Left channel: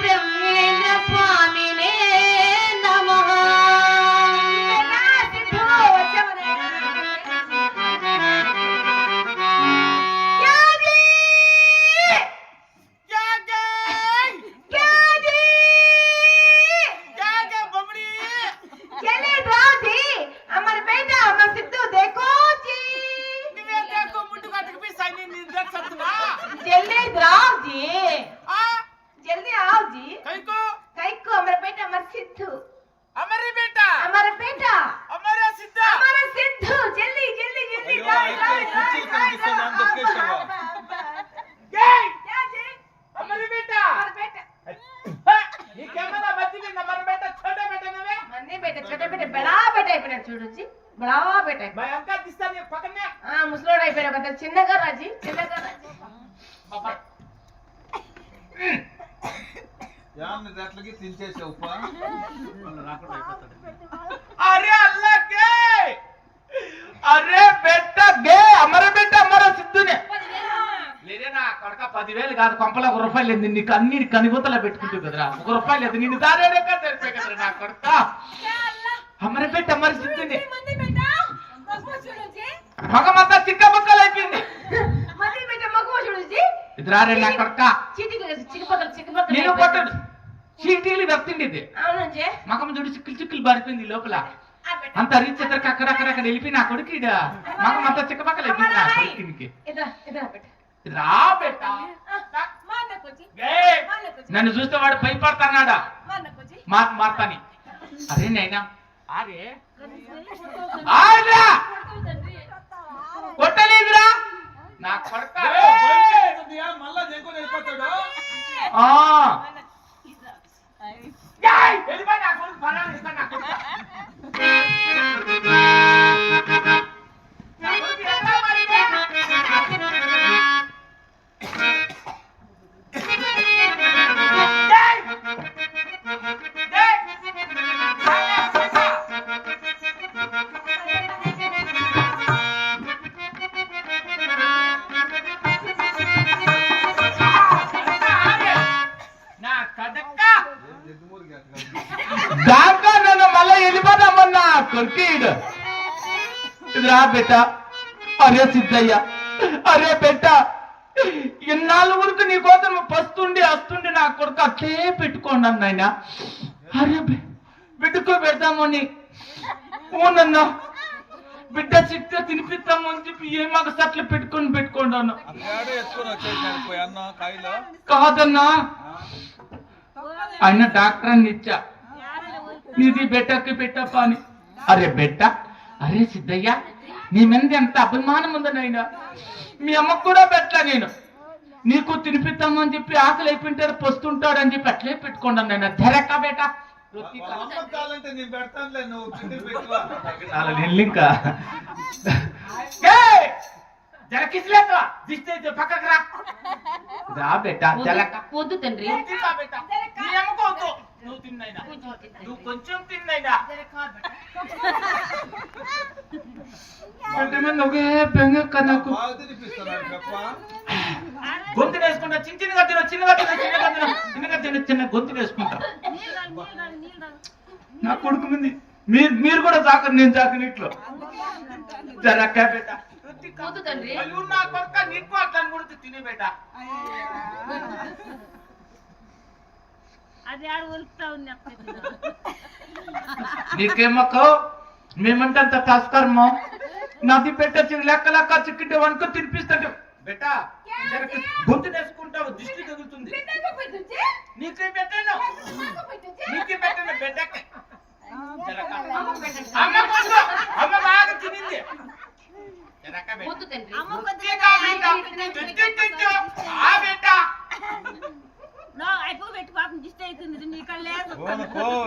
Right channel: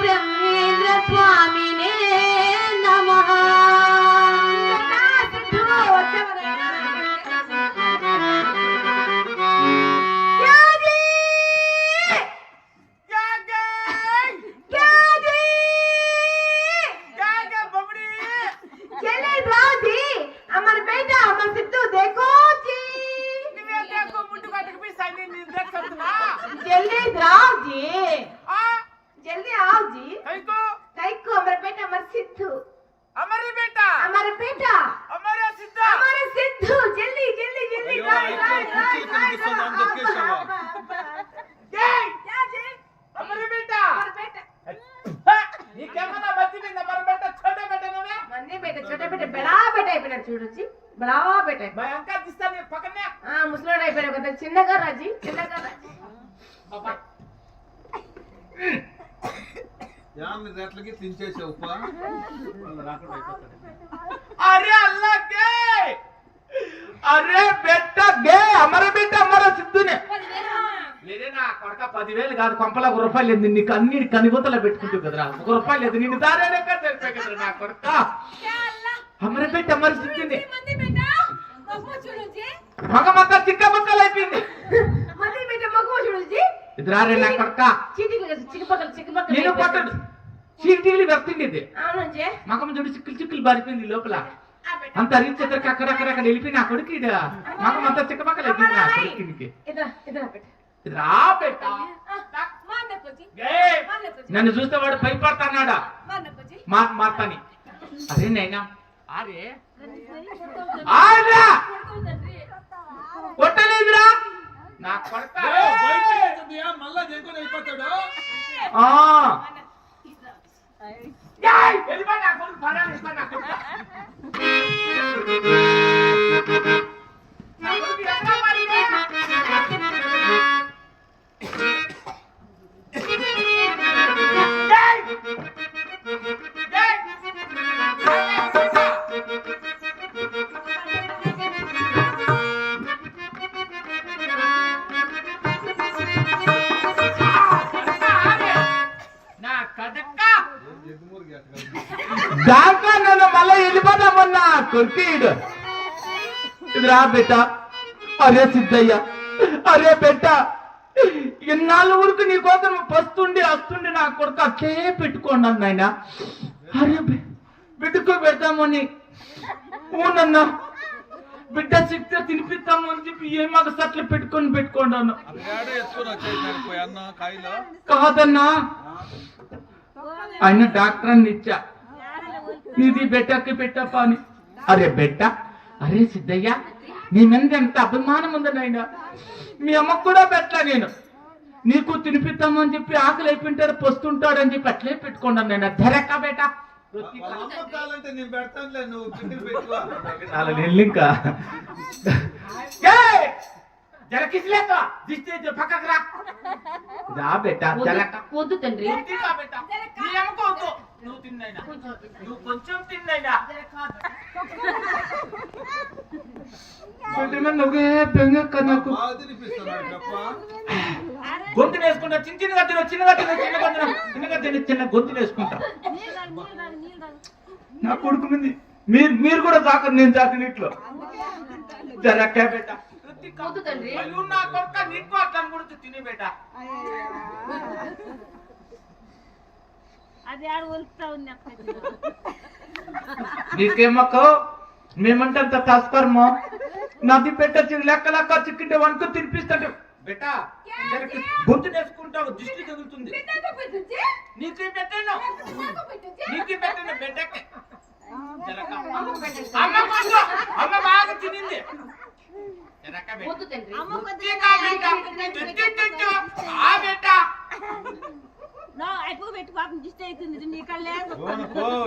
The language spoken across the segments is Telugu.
బ్రహ్మేంద్ర స్వామినే నమః. చూడొచ్చి బడా బేట ముసలోడు అయిపోయినా కదా చిన్నగా రాజీ చిన్నగా రాజీ अरे अल्लाह के अरे बेटा गे हमारे बेटा हमारा सिद्धू ने లేదే నా కొడక 10,000 కాదు కొంపలా రూపాయలు లేదు నీకు అన్ని కనిగొత్తలా పెట్టుకుంటావు కదరా ₹1 లేదు నిన్ను దారేనే కదరే కదరా నా కొడక हमारे बेटा हमारे सिद्धू ने మంది బేట మగవ చూడొచ్చి మగమంతా చిక్క బక్కలు అయిపోయింది మంది బేట మగవ చూడొచ్చి ఇద్రారే నా కొడక చీటికి చిక్కుపక్కలు నేను కొట్టడు చీటీలు వస్తుంది ఇది అవునంజే మగం చూడు చిక్కులు బారిపోయింది లోపల అంత రీచ్ ఎదరికి అక్కడక్కడ వెళ్ళిపోయి నా కొడుకు ఇడ మగం అంతా చిక్కపక్కలు అయిపోయింది నా కొడుకునికి నన్ను చూస్తే వాడు భయపడతాడా మాతాని అరే నైనా అరే కొట్టలేదురా నా కొడక మళ్ళా జంకుని వెళ్ళిపోతాడు దాకా నన్ను మళ్ళీ వెళ్ళిపోదామన్నా కొడుకు రా బెట్ట అరే సిద్ధయ్య అరే బెట్ట ఇన్నాళ్ళ వరకు నీ కోసం పస్తుండి వస్తుండి నా కొడుకు అట్లే పెట్టుకోండి అన్న అరే బిడ్డకు పెడతామని ఓనన్నా బిడ్డ చిట్ట తినిపిస్తాము అని చెప్పి ఏమాక సట్లు పెట్టుకోండి అన్న కాదన్నా ఆయన డాక్టర్ అని ఇచ్చా నీది బెట్టకి పెట్టప్ప అని అరే బెట్ట అరే సిద్ధయ్య నీ మీద ఎంత అభిమానం ఉందనైనా మీ అమ్మకు కూడా పెట్టా నేను నీకు తినిపిస్తాము అని చెప్పి ఆకలి అయిపోయింటారు పొస్తుంటాడని చెప్పి అట్లే పెట్టుకోండి అన్న ధరక్క బేట ఇంకా జలకిస్లేక దిస్తే పక్కకు రా రా బేట జలక వద్దు తండ్రి బేట నీ అమ్మకోవద్దు నువ్వు తిన్నైనా నువ్వు కొంచెం తిన్నైనా నువ్వే బెంగక్క నాకు గొంతు వేసుకుంటా చిన్నగా చిన్న గొంతు వేసుకుంటా నా కొడుకు ఉంది మీరు కూడా తాకరు నేను తాకినట్లు జరక్క బేట నా కొడుక నీకు అట్లా కొడుకు తినే బేట నీకేమక్కో మేమంటే అంత తస్కరమో నాది పెట్ట లెక్క చిక్కింటే వనుకో తినిపిస్తాడు బేట గొంతు నేసుకుంటావు దిష్టి తగులుతుంది నీకు పెట్టాను బిడ్డకి అమ్మ బాగా తినింది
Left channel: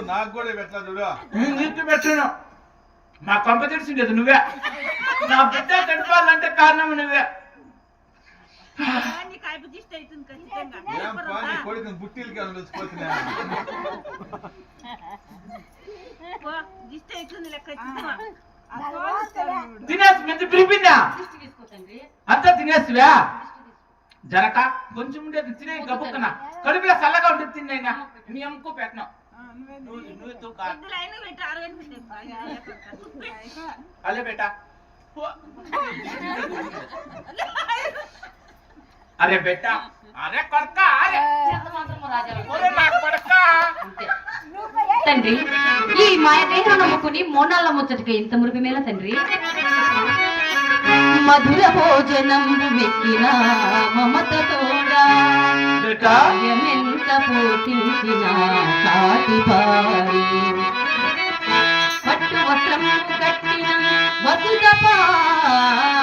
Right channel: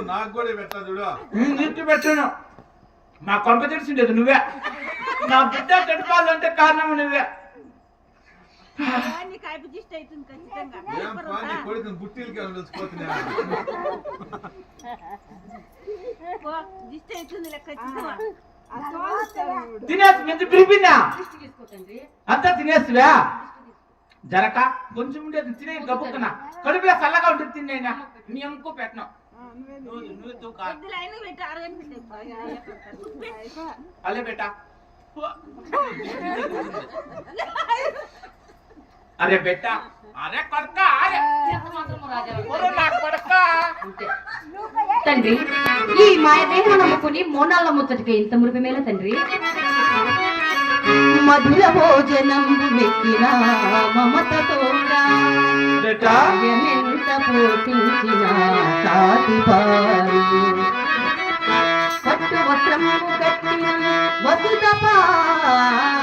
నాకు కూడా పెట్టా చూడు నీకు పెట్టాను మా కొంప తెలిసిండేది నువ్వే నా బిడ్డ చెడిపోవాలంటే కారణం నువ్వే కొడుకు బుట్టిలకి వచ్చిపోతున్నా తినేసి మెంత పిలిపినా అంతా తినేసివా జరక కొంచెం ఉండేది తినే గబుక్కన కడుపులో చల్లగా ఉంటుంది తిన్నైనా మీ అమ్మకు పెట్టను నువ్వు తూకా అలే బేటా అరే బేటా అరే కొడక అరే ఎంత మాత్రము రాజాలు ఒరే నా కొడక అంతే. తండ్రి ఈ మాయ దేహం నమ్ముకుని మోనాళ్ళ ముచ్చటికి ఇంత మురిపిమేల తండ్రి మధుర భోజనం మెక్కిన మమత తోడా బేటా ఎంత పోషించిన సాటి భారీ పట్టు వస్త్రం కట్టిన వసుత పాలే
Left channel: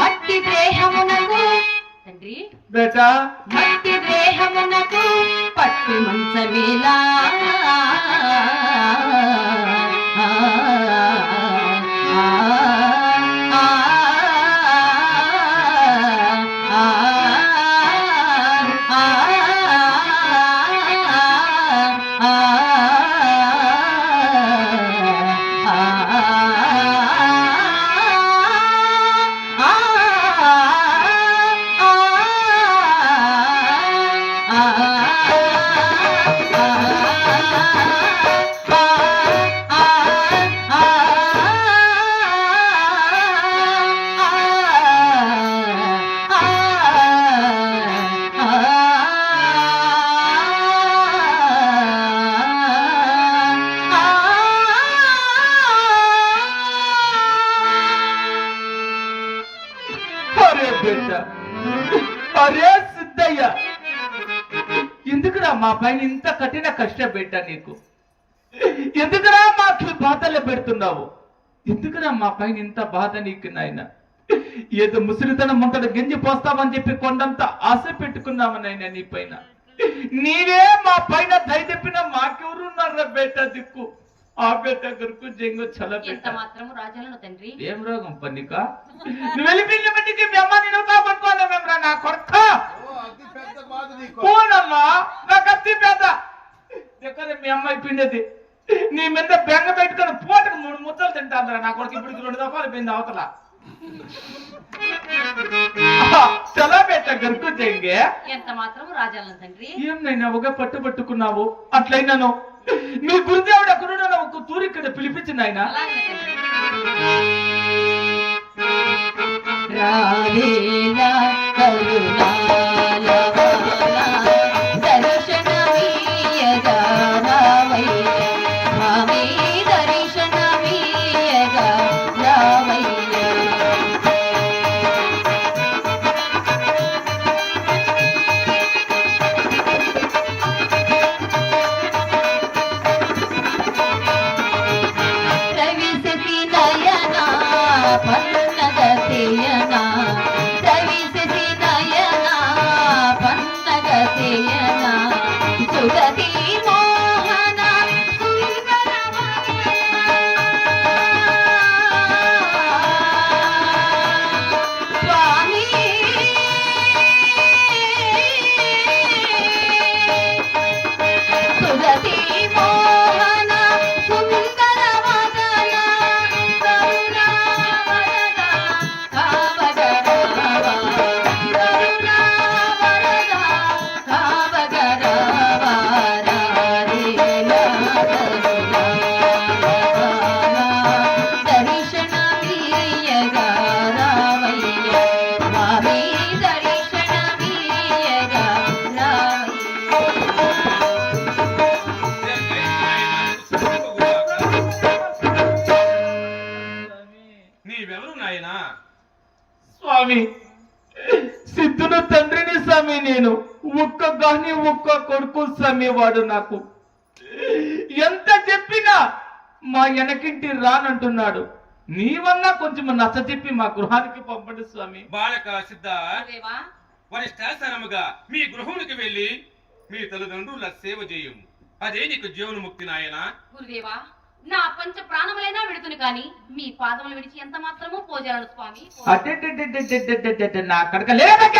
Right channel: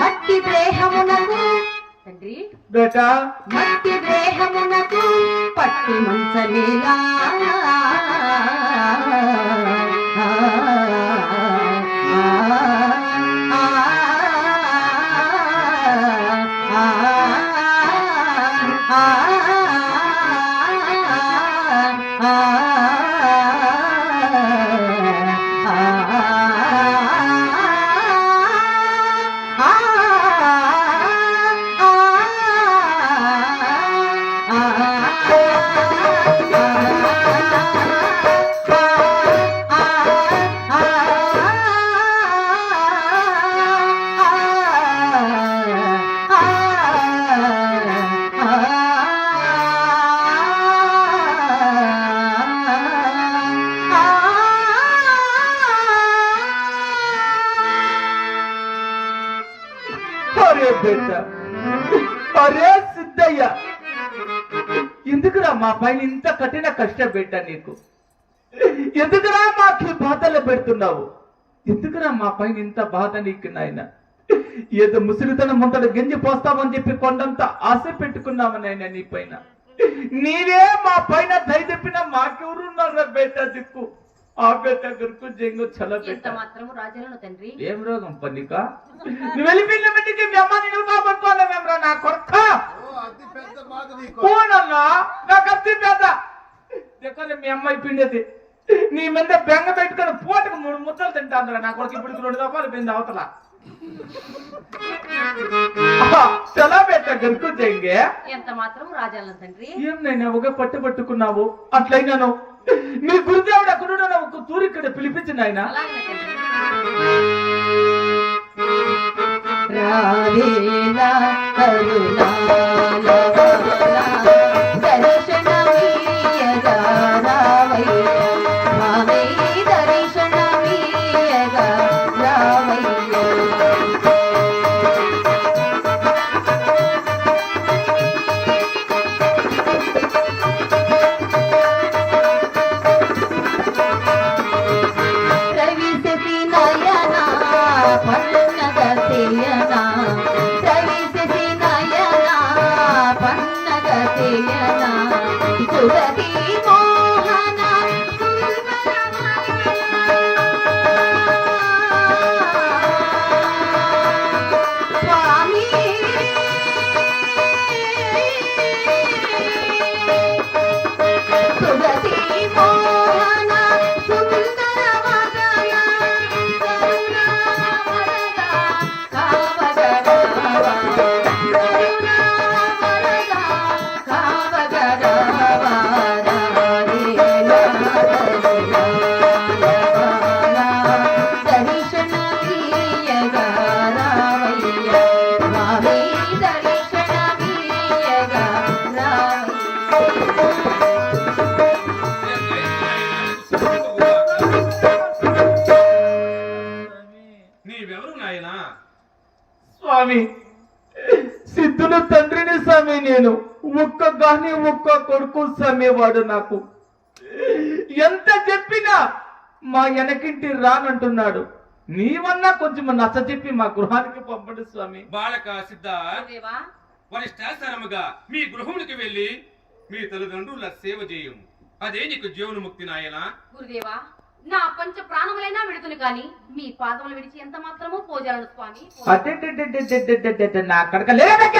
మట్టి దేహమునకు తండ్రి బేటా మట్టి దేహమునకు పట్టి మంచమేలా అరే బేటా అరే సిద్ధయ్య ఎందుకురా మా పైన ఇంత కఠిన కష్టం పెట్టా నీకు ఎందుకురా మాకు ఈ బాధలు పెడుతున్నావు ఎందుకురా మా పైన ఇంత బాధ నీకు నాయన ఏదో ముసలితనం ముంతట గింజి పోస్తావని చెప్పి కొండంత ఆశ పెట్టుకున్నావు నాయన నీ పైన నీవే మా పైన దయ తెప్పిన మాకెవరున్నారా బేటా దిక్కు ఆ బేట గరుకు జంగు చల ఇంత బేట మాత్రము రాజాలను తండ్రి ఏం రోగం పన్నిక నువ్వు వెళ్ళిపోయిన బట్టికి మీ అమ్మ నేను కాబట్టుకోలేమేమ్రా నా కొరక ఓ అతి పెద్ద బాధ నీకు పోనన్నా నాకు అత్తి పెద్ద దగ్గర మీ అమ్మాయి పిండేది నీ మీద బెంగ పెట్టుకుని పూటకు 3 ముద్దలు తింటాందిరా నా కొడుకు ఇప్పుడు 2 దఫాలు పోయింది అవతల చలా బేట గరుకు జంగే ఎంత మాత్రము రాజాలను తండ్రి ఏం నైనా ఒక పట్టుకున్నావు అట్లయినాను మీ గురుదేవుడు అక్కడ ఒక తూరి ఇక్కడ పిలిపించిన ఆయన అలాగే తండ్రి రావేలా కరుణాలవాలా దర్శనమీయగా రావయ్య మావే దర్శనమీయగా రావయ్య ప్రవిశతి నయనా పన్నగ తేయనా ప్రవిశతి నయనా పన్నగ తేయనా సురతి మోహన స్వామి సురతి మోహన సుందర వదన కరుణా వరద కావగరావ కరుణా వరద కావగరావ రారే దర్శన తీయగా రావయ్య మావే దర్శన తీయగా నీవెవరు నాయనా స్వామి సిద్ధుడు తండ్రిని స్వామి నేను ఒక్క కొడుకు స్వామి వాడు నాకు ఎంత చెప్పినా మా వెనకింటి రానంటున్నాడు నీవన్నా కొంచెం నచ్చ చెప్పి మా గృహానికి పంపండి స్వామి బాలక సిద్ధ గురుదేవా వరిష్టాసనముగా మీ గృహమునికి వెళ్ళి మీ తల్లిదండ్రుల సేవ చేయము అదే నీకు జీవనముక్తి నాయనా గురుదేవా నా పంచ ప్రాణములైనా విడుతును కాని మీ పాదములు విడిచి ఎంత మాత్రము పోజాలను స్వామి అడ్డెడ్డెడ్డెడ్డెడ్డెడ్డెడ్డెడ్డె నా అక్కడికి లేదక్క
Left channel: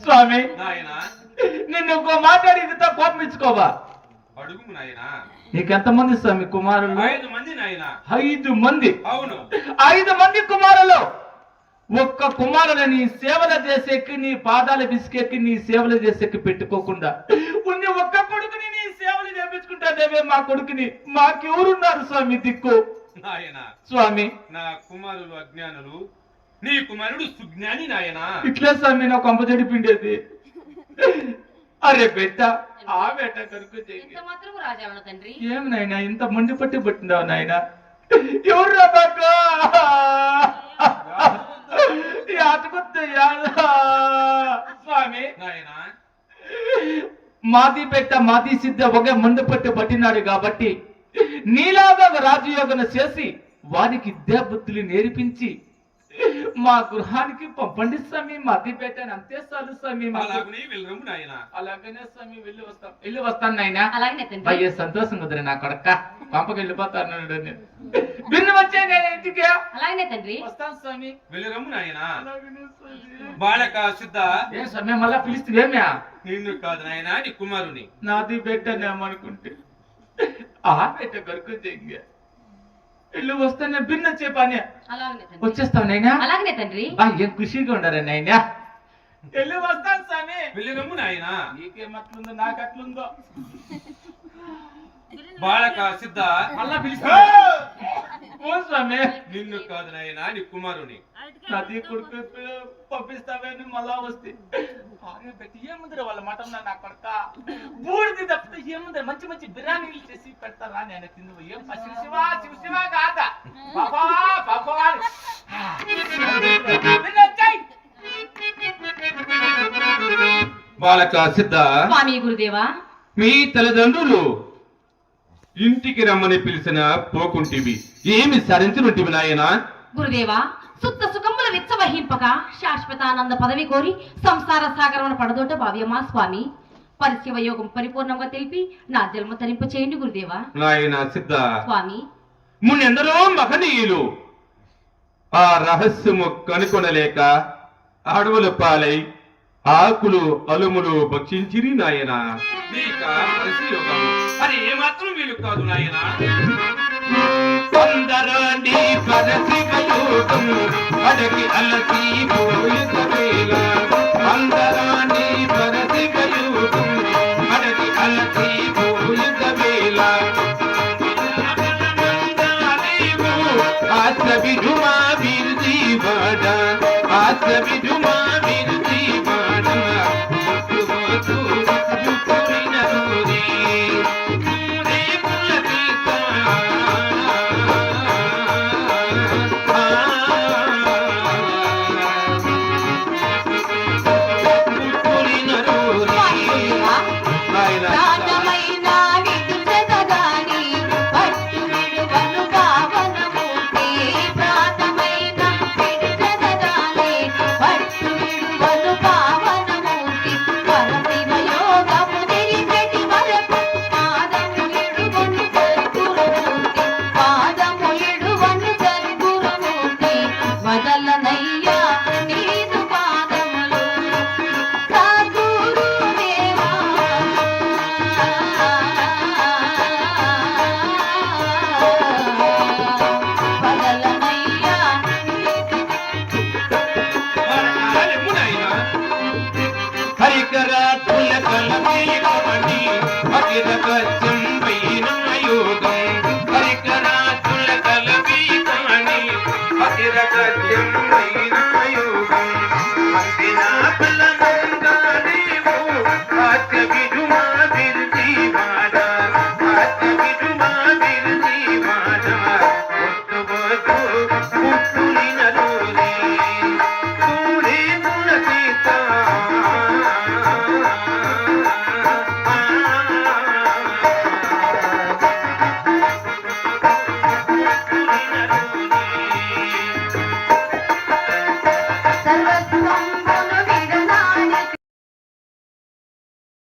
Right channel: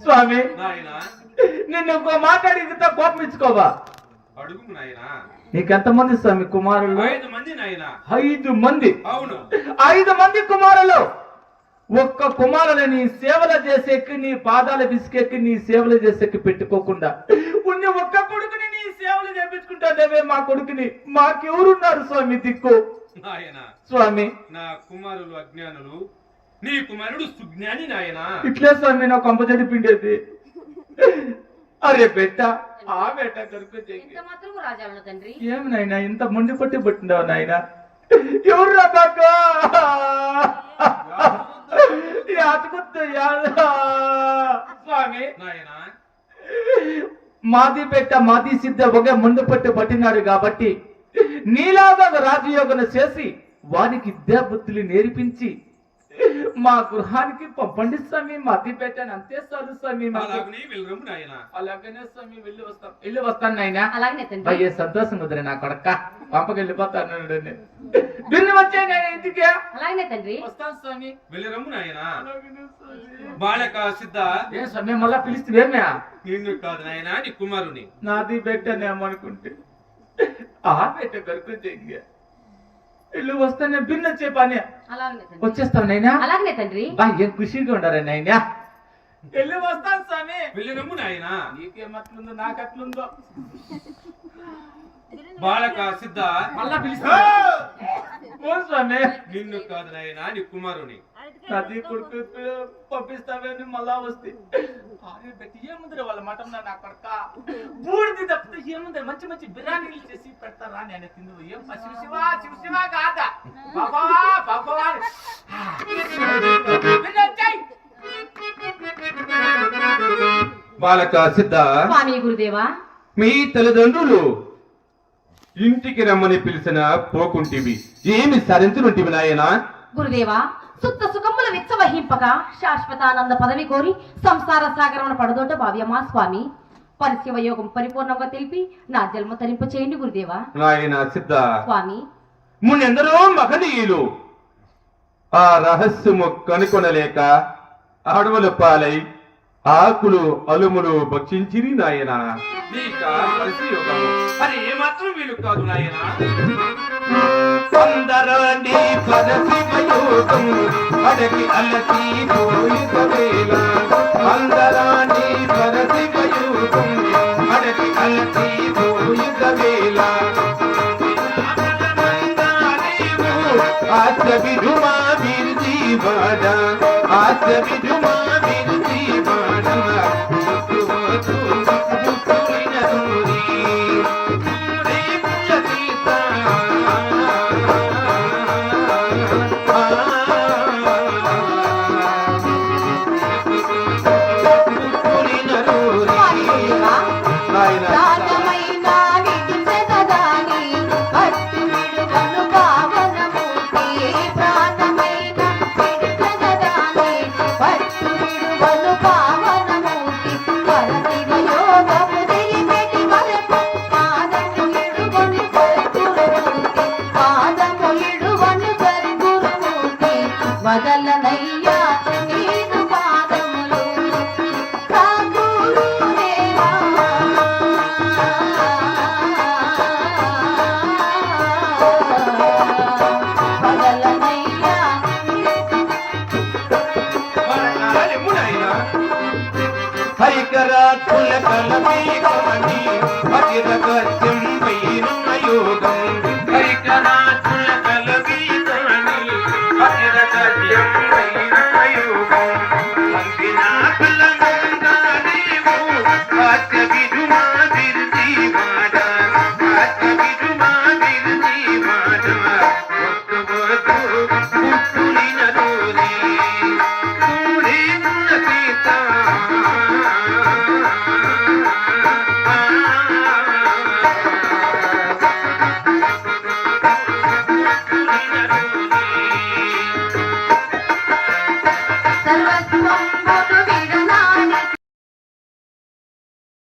స్వామి నాయనా నిన్ను ఇంకో మాట్లాడి కోపం ఇచ్చుకోవా అడుగుము నాయనా నీకెంతమంది స్వామి కుమారులు? 5 మంది నాయన. 5 మంది. అవును. 5 మంది కుమారులు. ఒక్క కుమారుని నీ సేవలు చేసేకి, నీ పాదాలు బిసికెక్కి నీ సేవలు చేసేకి పెట్టుకోకుండా ఉన్ని ఒక్క కొడుకుని నీ సేవలు చేపించుకుంటాదేవే మా కొడుకుని. మాకెవరున్నారు స్వామి దిక్కు? నాయన స్వామి నా కుమారులు అజ్ఞానులు, నీ కుమారుడు సుజ్ఞాని నాయన. ఇట్లే స్వామి నా కొంప చెడిపిండేది. అరే బెట్ట ఆ బెట్ట కరుకు ఇంత మాత్రం రాజావణ తండ్రి. ఏమి నాయన ఇంత మండి పట్టి పట్టిండవు నాయన? ఎవరు రాక స్వామి నాయన మాది పెట్ట మాది సిద్ధ ఒకే ముందు పట్టి పట్టినాడు కాబట్టి నీలాగా రాజయోగన చేసి వానికి విద్యా బుద్ధులు నేర్పించి మా గృహానికి పంపండి స్వామి. మాది పెట్టాను అంతే చాలు స్వామి. అలాగనే వెళ్ళరము నాయన. అలాగనే స్వామి వెళ్ళి వస్తాను నాయన. అలాగనే తండ్రి. అయ్యే సంతోషం కుదిరే నా కొడక పంపకి వెళ్ళిపోతాను నేను. భిన్న వచ్చే ఇంటికి అలాగనే తండ్రి. వస్తాను స్వామి. వెళ్ళరము నాయన. బాలక సిద్ధ ఏ స్వామి మళ్ళా పిలుస్తుందేమ్యా? నిన్ను కాదు నాయన, నీ కుమారుని. నాది పెట్టానేమనుకుంటే ఆ పెట్ట కరుకు చెయ్య ఇల్లు వస్తానే భిన్న చెప్పానే. అలాగనే తండ్రి. వచ్చేస్తావు నైనా? అలాగనే తండ్రి. బా ఏం ఖుషిగా ఉండరా నైనా? వెళ్ళి వస్తాను స్వామి. వెళ్ళరము నాయన. నీకేమట్లుందో నాకు అట్లుందో. బాలక సిద్ధ మళ్ళా పిలుస్తా స్వామి. నిన్ను కాదు నాయన, నీ కుమారుని. నది కొడుకు పంపిస్తావేని మళ్ళా వస్తే అరే పెట్టి ఏముందరే వాళ్ళ మటం నా కొడక బూడిది తప్పితే ఏముందరే మంచి మంచి బిర్యానీలు చేసి పెడతారా నేను తిందు. ఏం శివ శివ శివ శివ కాదా బాబా బాబా బాలక సిద్ధ స్వామి గురుదేవా. మీ తల్లిదండ్రులు ఇంటికి రమ్మని పిలిచిన పోకుంటివి, ఏమి సరించినట్టివి నాయన? గురుదేవా, సుత్త సుఖముల విచ్చవహింపక శాశ్వతానంద పదవి కోరి సంసార సాగరమున పడదోట భావ్యమా స్వామి. పరిశివ యోగం పరిపూర్ణంగా తెలిపి నా జన్మ తరింపు చేయండి గురుదేవా. నాయన సిద్ధ స్వామి, మున్నెందరో మహనీయులు ఆ రహస్యము కనుకొనలేక అడవుల పాలై ఆకులు అలుములు భక్షించిరి నాయన. అది ఏమాత్రం వీలు కాదు నాయన. కొందరాండి పరశివయోగం అడగి అలసి పోయుత వేళ. కొందరాండి పరశివయోగం అడగి అలసి పోయుత వేళ. ఆశ విధుమా వీరు జీవాడ ఆశ విధు